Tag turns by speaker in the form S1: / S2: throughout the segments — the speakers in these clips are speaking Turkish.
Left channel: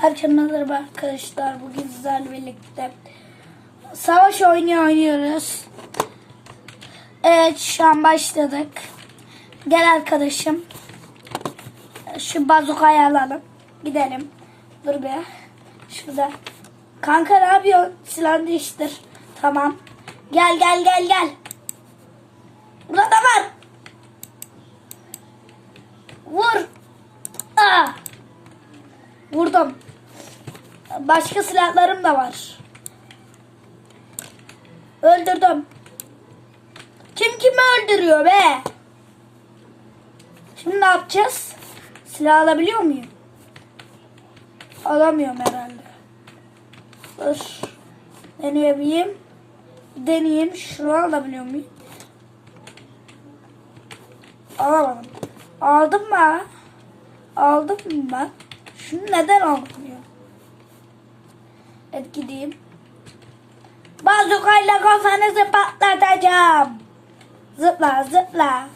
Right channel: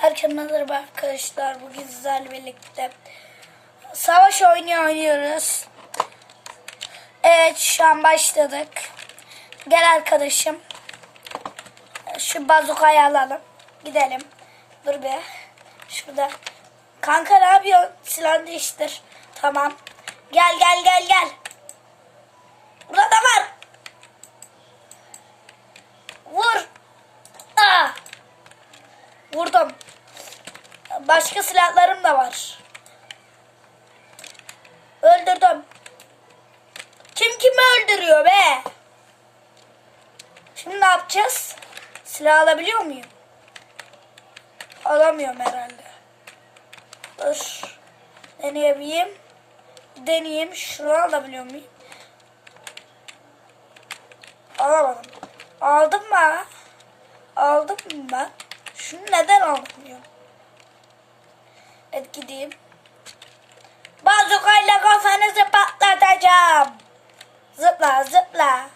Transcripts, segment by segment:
S1: Herkese merhaba arkadaşlar. Bugün sizlerle birlikte savaş oyunu oynuyoruz. Evet şu an başladık. Gel arkadaşım. Şu bazukayı alalım. Gidelim. Dur be. Şurada. Kanka ne yapıyorsun? Silah değiştir. Tamam. Gel gel gel gel. Burada da var. Vur. Aa. Vurdum. Başka silahlarım da var. Öldürdüm. Kim kimi öldürüyor be? Şimdi ne yapacağız? Silah alabiliyor muyum? Alamıyorum herhalde. Dur. Deneyebileyim. Deneyeyim. Şunu alabiliyor muyum? Alamadım. Aldım mı? Aldım mı? Şunu neden almıyorum? Evet gideyim. Bazukayla kafanızı patlatacağım. Zıpla zıpla.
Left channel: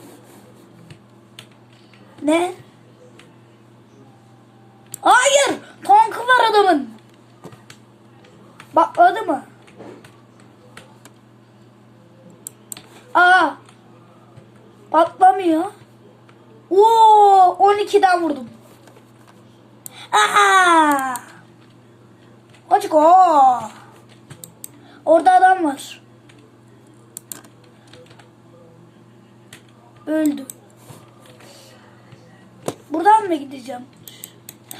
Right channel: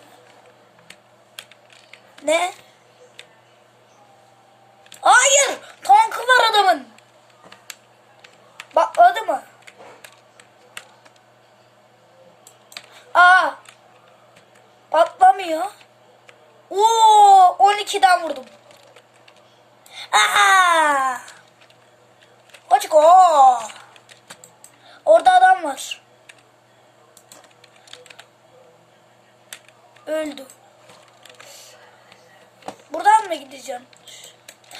S1: Ne? Hayır. Tankı var adamın. Patladı mı? Aa. Patlamıyor. Oo, 12'den vurdum. Aa! Let's go. Orada adam var. Öldü. Buradan mı gideceğim?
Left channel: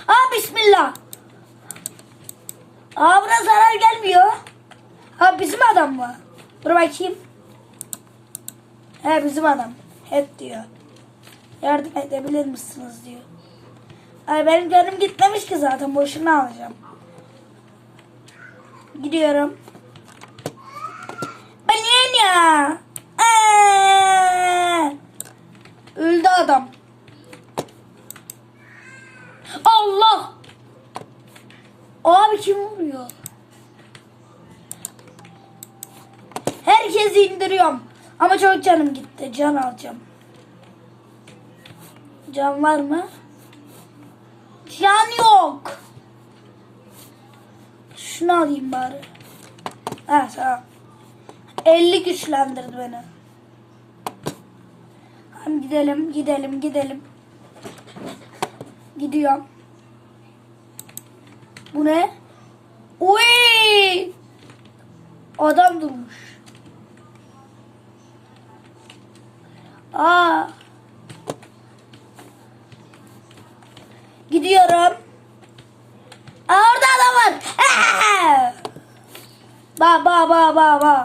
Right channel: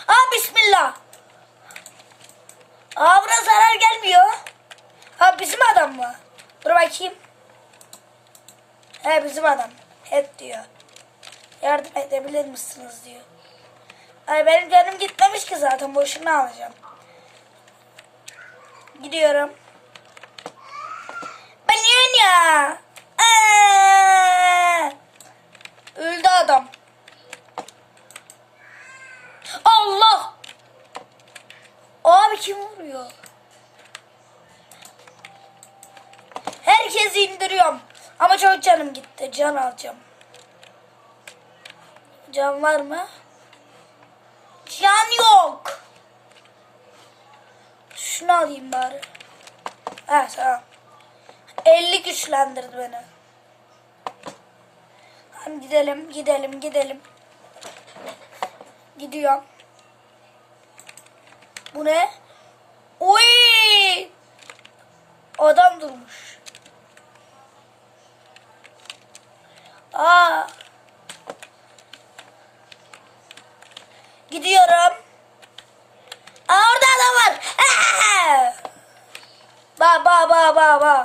S1: Aa bismillah. Aa buna zarar gelmiyor. Ha bizim adam mı? Dur bakayım. He bizim adam. Hep diyor. Yardım edebilir misiniz diyor. Ay benim canım gitmemiş ki zaten boşuna alacağım. Gidiyorum. Ben ya. Aa! Öldü adam. Allah. Abi kim vuruyor? Herkesi indiriyorum. Ama çok canım gitti. Can alacağım. Can var mı? Can yok. Şunu alayım bari. Ha tamam. 50 güçlendirdi beni. Hadi gidelim, gidelim, gidelim. Gidiyorum. Bu ne? Oy! Adam durmuş. Aa. Gidiyorum. Var. Ba ba ba ba ba.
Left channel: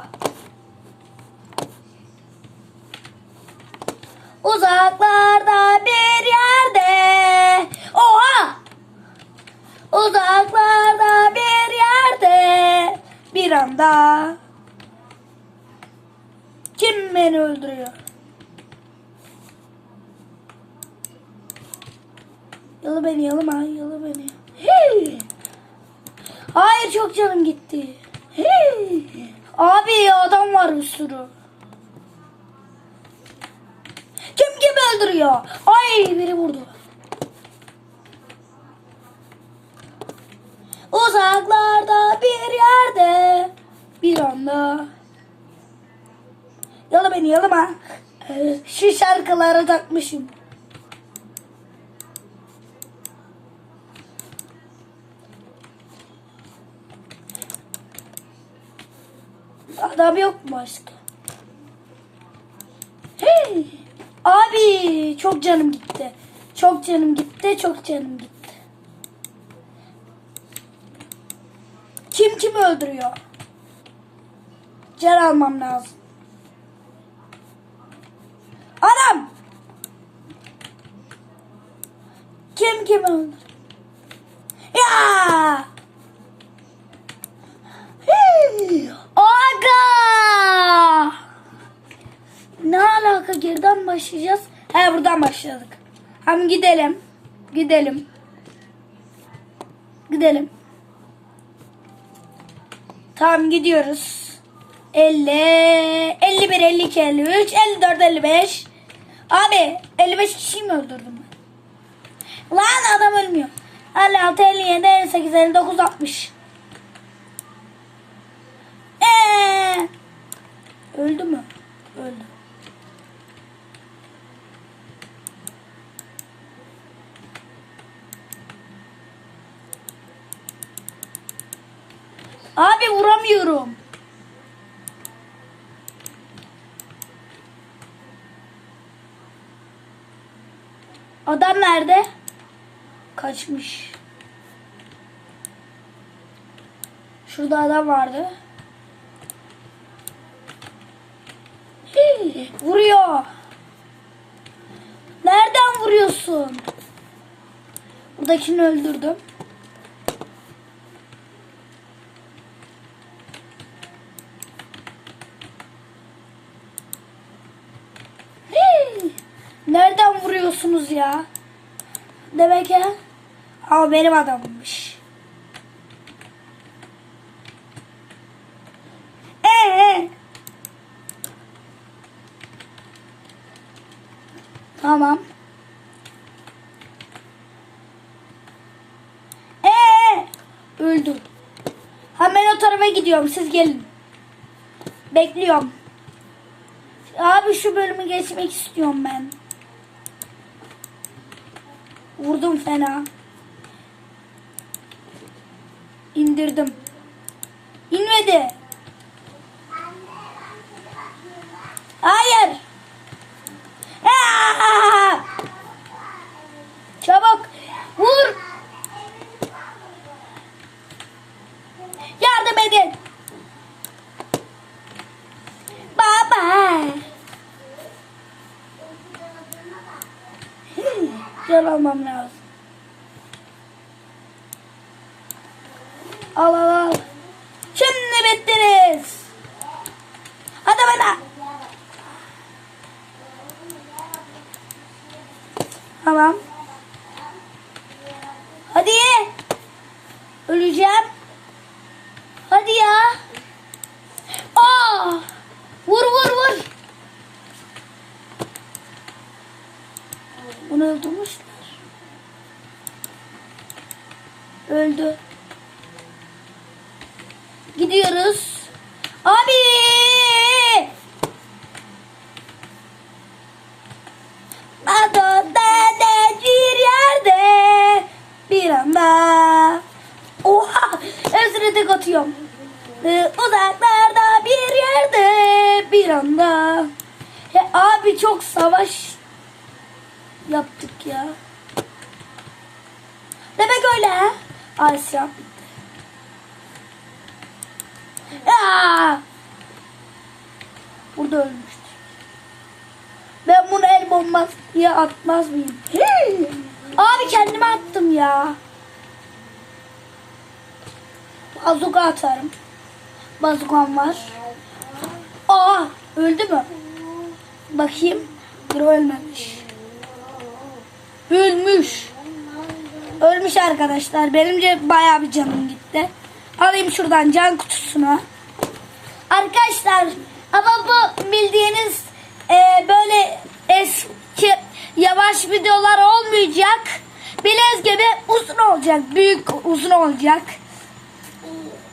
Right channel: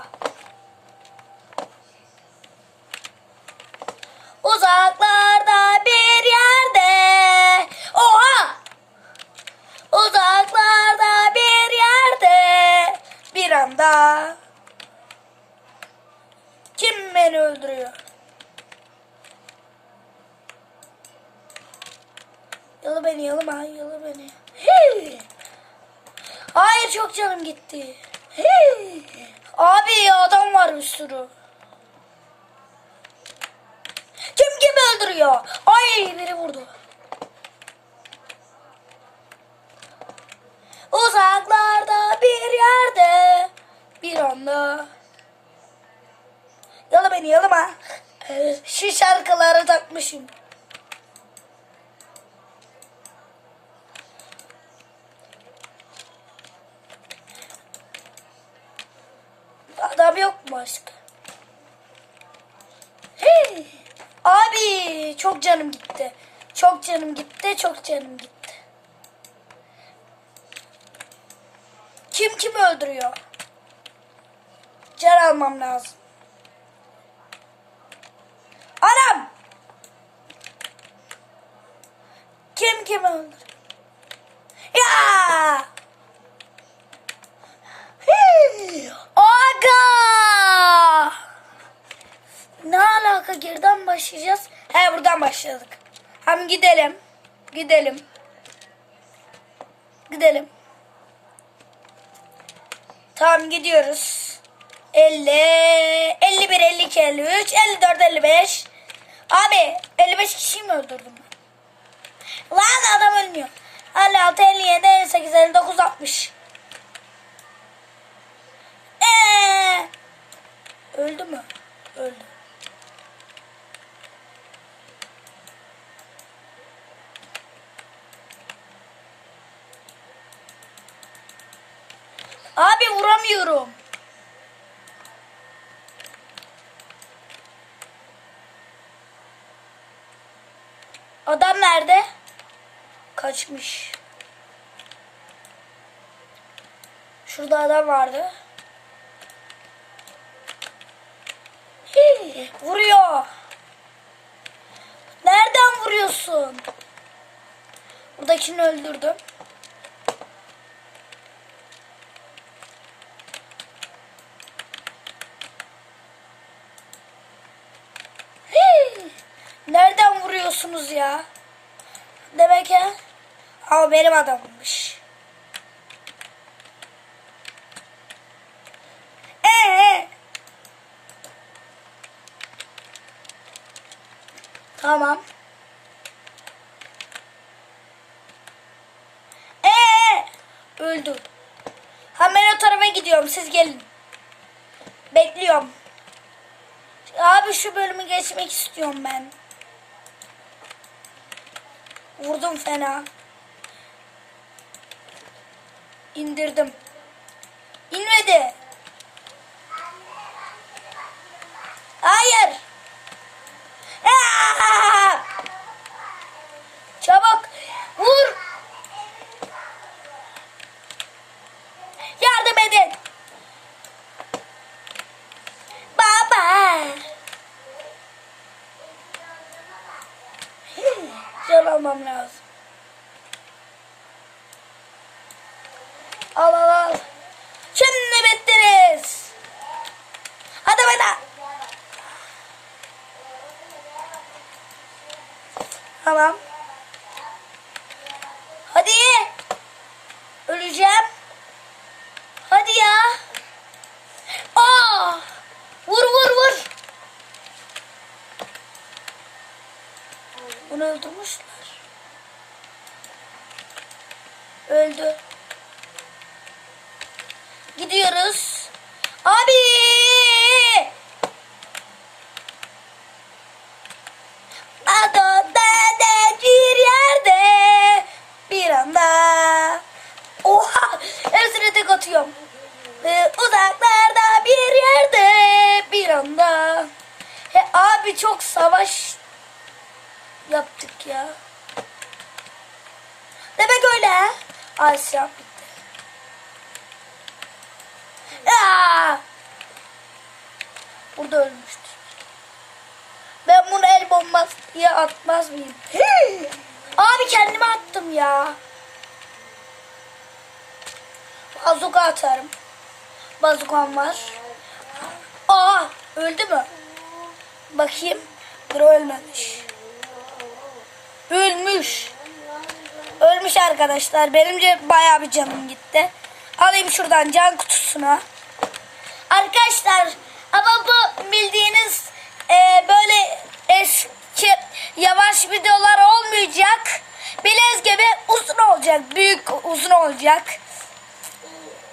S1: Uzaklarda bir yerde. Oha! Uzaklarda bir yerde. Bir anda. Kim beni öldürüyor? Yalı beni yalı beni yalı beni. Hayır çok canım gitti. Abi adam var bir sürü. Kim kimi öldürüyor? Ay biri vurdu. Uzaklarda bir yerde bir anda. Yala beni yalama. Ee, Şu şarkıları takmışım. Adam yok mu başka? Hey! Abi çok canım gitti. Çok canım gitti, çok canım gitti. Kim kimi öldürüyor? Can almam lazım. Anam! Kim kimi öldürüyor? Ya! Hey! Aga! Ne alaka geriden başlayacağız? He buradan başladık. Hem gidelim. Gidelim. Gidelim. Tamam gidiyoruz. 50, 51, 52, 53, 54, 55. Abi 55 kişiyi mi öldürdüm ben? Lan adam ölmüyor. 56, 57, 58, 59, 60. Ee, öldü mü? Öldü. Abi vuramıyorum. Adam nerede? Kaçmış. Şurada adam vardı. Hii, vuruyor. Nereden vuruyorsun? Buradakini öldürdüm. Hii, Vuruyorsunuz ya? Demek ki ama benim adammış. Ee. Tamam. Ee. Öldü. Hemen o tarafa gidiyorum. Siz gelin. Bekliyorum. Abi şu bölümü geçmek istiyorum ben. Vurdum fena. İndirdim. İnmedi. Hayır. Aa! Çabuk vur. Yardım edin. Baba. Hmm, Can almam lazım. Al al al. Şimdi bittiniz. Hadi hadi. Tamam. Hadi. Öleceğim. Hadi ya. Aa! Vur vur vur. Bunu öldürmüşler. Öldü. Gidiyoruz. Abi! Adada bir yerde bir anda Oha! Hepsine tek atıyorum. Ee, uzaklarda bir yerde bir anda He, Abi çok savaş yaptık ya. Demek öyle ha? Asya bitti. Aa! Burada ölmüştür. Ben bunu el bombası diye atmaz mıyım? Abi kendime attım ya. Bazuka atarım. Bazukam var. Aa öldü mü? Bakayım. Bir ölmemiş. Ölmüş. Ölmüş arkadaşlar. Benimce bayağı bir canım gitti. Alayım şuradan can kutusuna. Arkadaşlar ama bu bildiğiniz e, böyle eski yavaş videolar olmayacak. Bilez gibi uzun olacak. Büyük uzun olacak.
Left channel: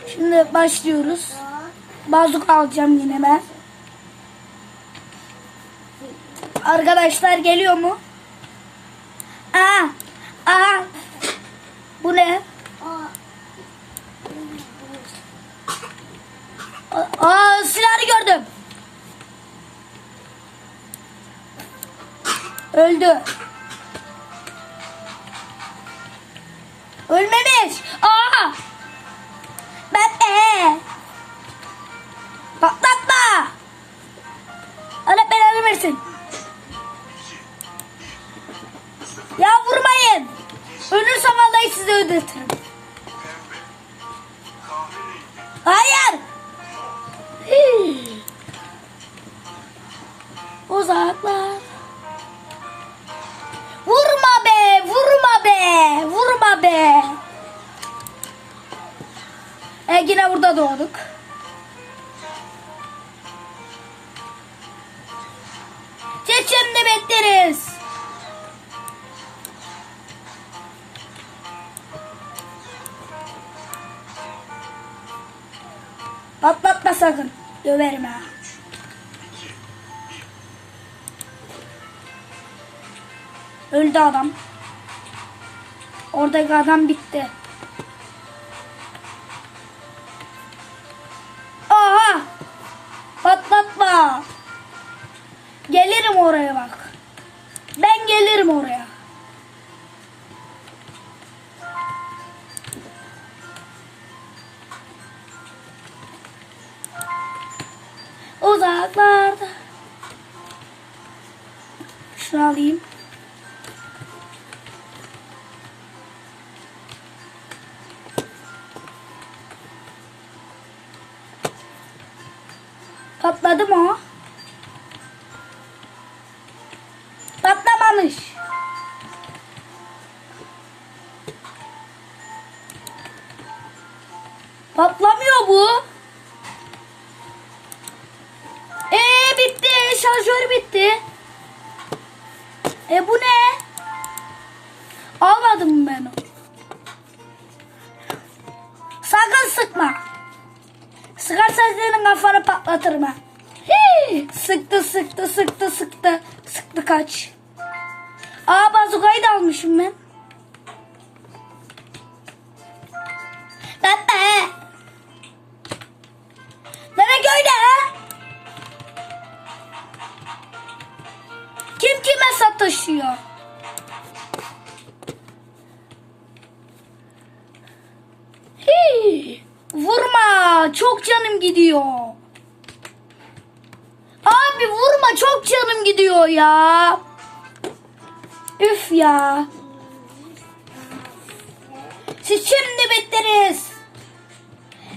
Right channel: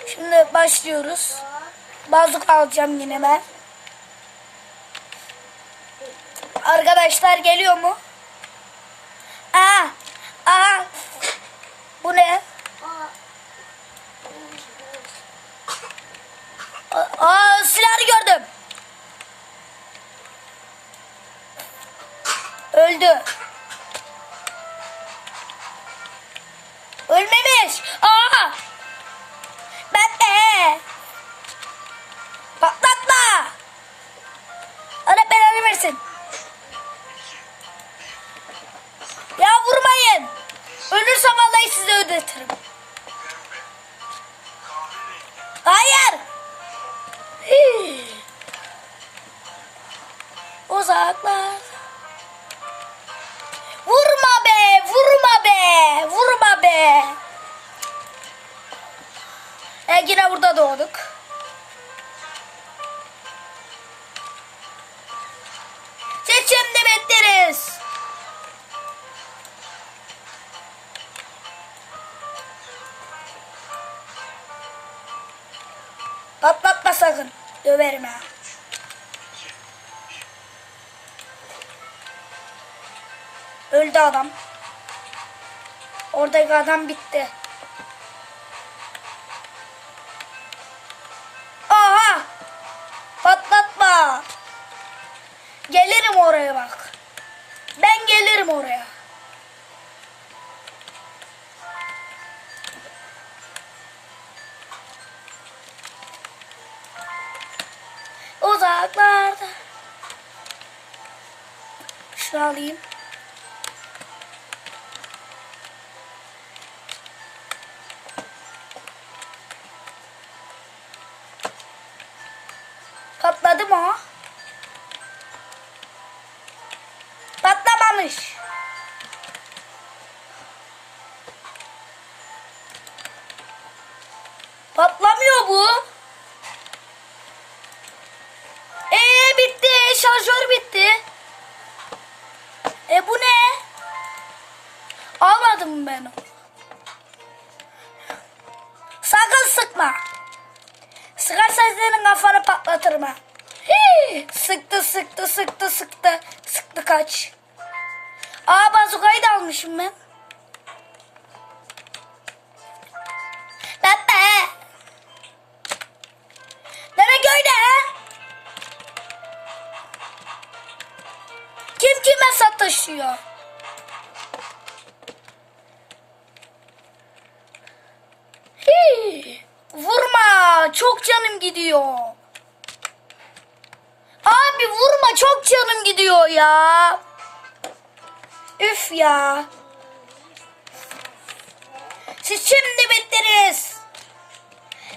S1: Şimdi başlıyoruz. Bazuk alacağım yine ben. Arkadaşlar geliyor mu? Aa, aa. Bu ne? Aa, silahı gördüm. Öldü. Ölmemiş. Aa! Ben de. Patlatma. Allah belanı versin. Vallahi sizi ödetirim. Hayır. Uzaklar. Vurma be, vurma be, vurma be. E yine burada doğduk. Seçimde bekleriz. Patlatma sakın. Döverim ha. Öldü adam. Oradaki adam bitti. Patladı mı o? Kaç. Aa bazukayı da almışım ben. Baba. Nere köyde ha? Kim kime sataşıyor? Hii, Vurma. Çok canım gidiyor. Abi vurma. Çok canım gidiyor ya. Üf ya. Siz şimdi bittiniz.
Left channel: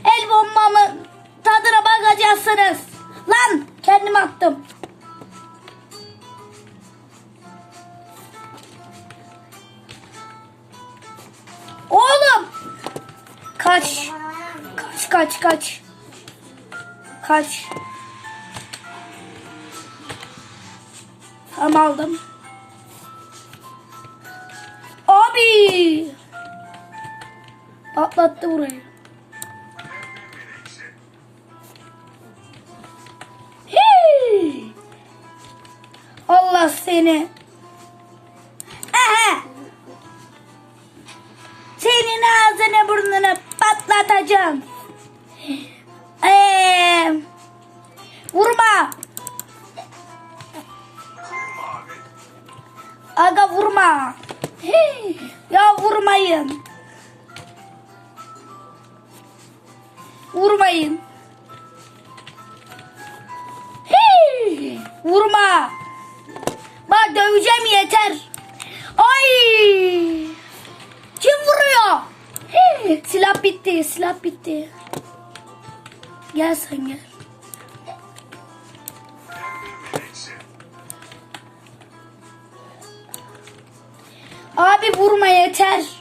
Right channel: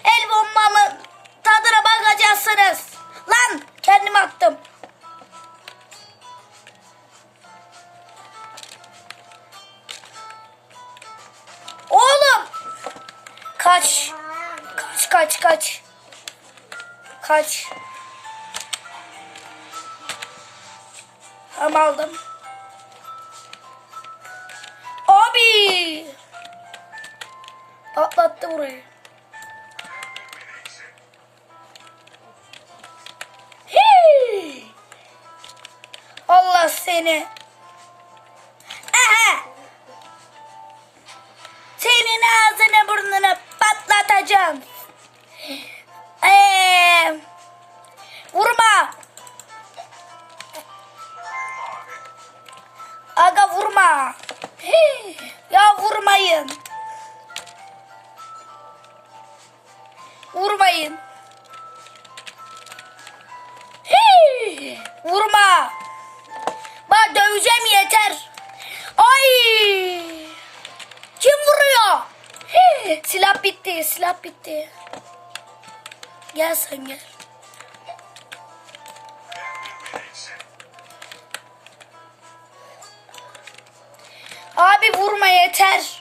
S1: El bombamın tadına bakacaksınız. Lan kendim attım. Oğlum. Kaç. Kaç kaç kaç. Kaç. Tamam aldım. Abi. Atlattı burayı. Hii. Allah seni. Aha. Senin ağzını burnunu patlatacağım. Silah bitti, silah bitti. Gel sen gel. Abi vurma yeter.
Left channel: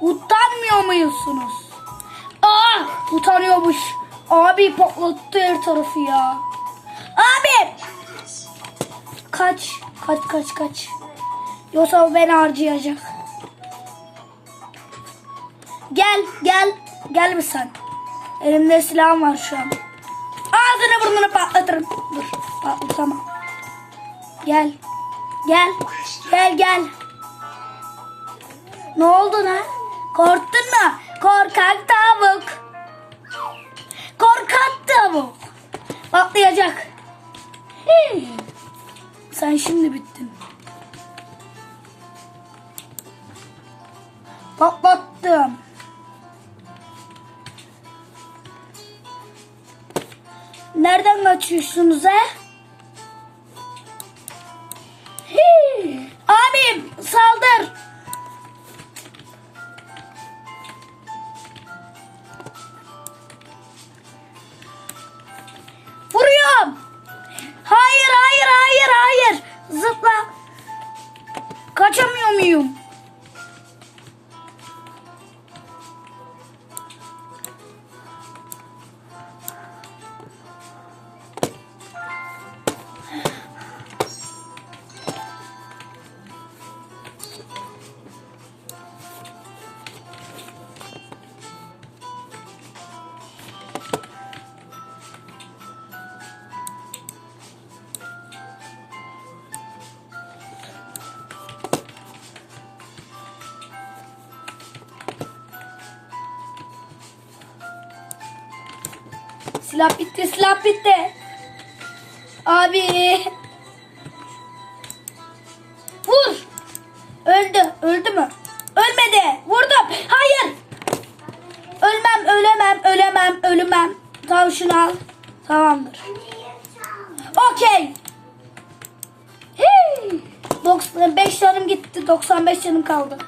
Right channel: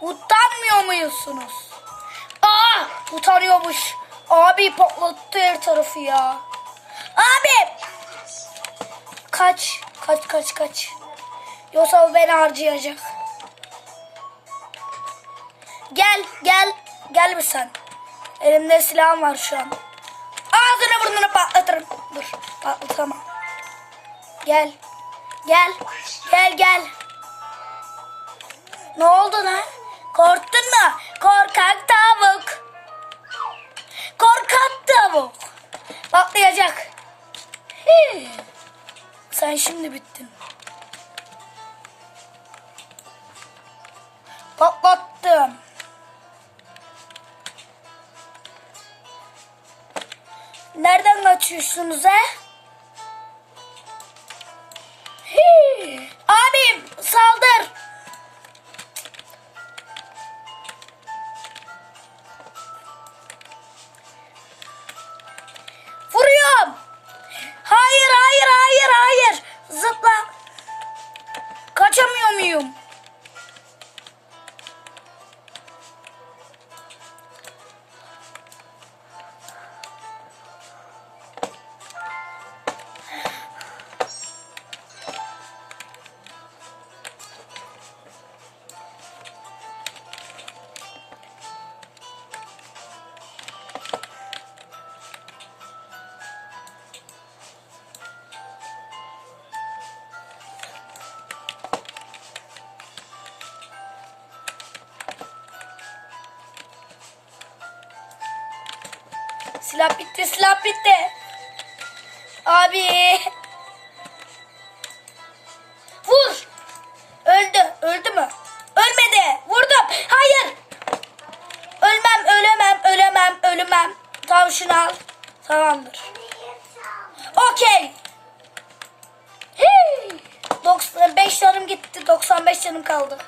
S1: Utanmıyor muysunuz? Aa, utanıyormuş. Abi patlattı her tarafı ya. Abi kaç, kaç, kaç, kaç. Yoksa beni harcayacak. Gel, gel, gel bir sen. Elimde silahım var şu an. Ağzını burnunu patlatırım. Dur, patlatamam. Gel, gel, gel, gel. Ne oldu lan? Korktun mu? Korkak tavuk. Korkak tavuk. Patlayacak. Sen şimdi bittin. Patlattım. Nereden kaçıyorsunuz he? Silah bitti, silah bitti. Abi. Vur. Öldü, öldü mü? Ölmedi. Vurdum. Hayır. Ölmem, ölemem, ölemem, ölmem. Tamam şunu al. Tamamdır. Okey. Hii. 95 canım gitti. 95 canım kaldı.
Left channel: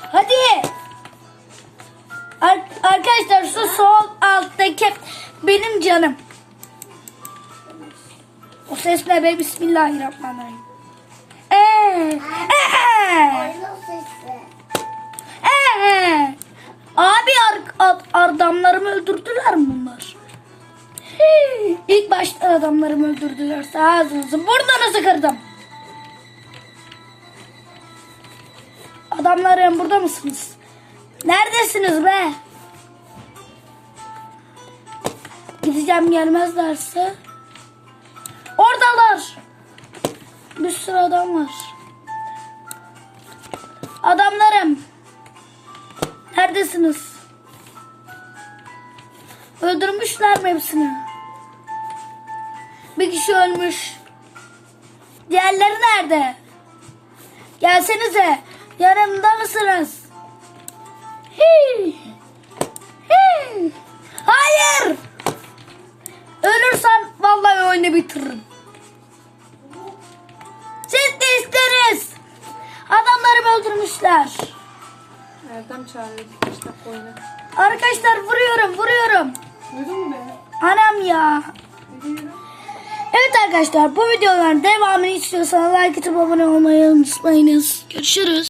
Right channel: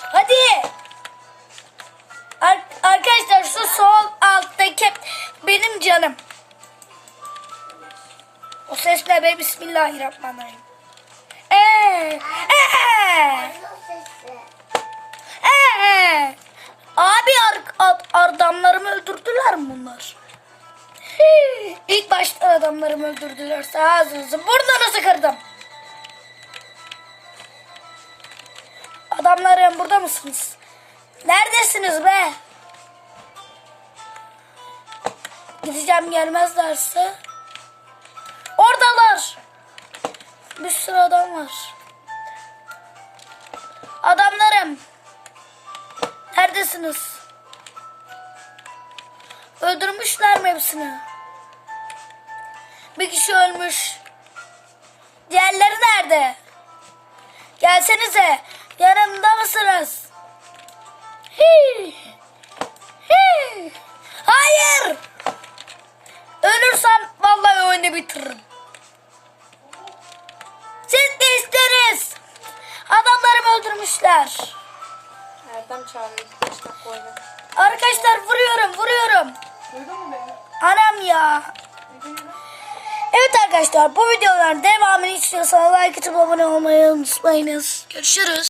S1: Hadi. Ar- arkadaşlar şu sol alttaki benim canım. O ses ne be? Bismillahirrahmanirrahim. Ee, ee, ee. Abi ar- ad- adamlarımı öldürdüler mi bunlar? İlk başta adamlarımı öldürdüler. Ağzınızı burnunuzu kırdım. Adamlarım burada mısınız? Neredesiniz be? Gideceğim gelmezlerse. Oradalar. Bir sürü adam var. Adamlarım. Neredesiniz? Öldürmüşler mi hepsini? Bir kişi ölmüş. Diğerleri nerede? Gelsenize. Yanımda mısınız? Hii. Hii. Hayır. Ölürsem vallahi oyunu bitiririm. Siz de isteriz. Adamlarımı öldürmüşler.
S2: Erdem çağırıyor.
S1: Arkadaşlar vuruyorum vuruyorum.
S2: Duydun mu beni?
S1: Anam ya. Evet arkadaşlar bu videoların devamını istiyorsanız like atıp abone olmayı unutmayınız. Görüşürüz.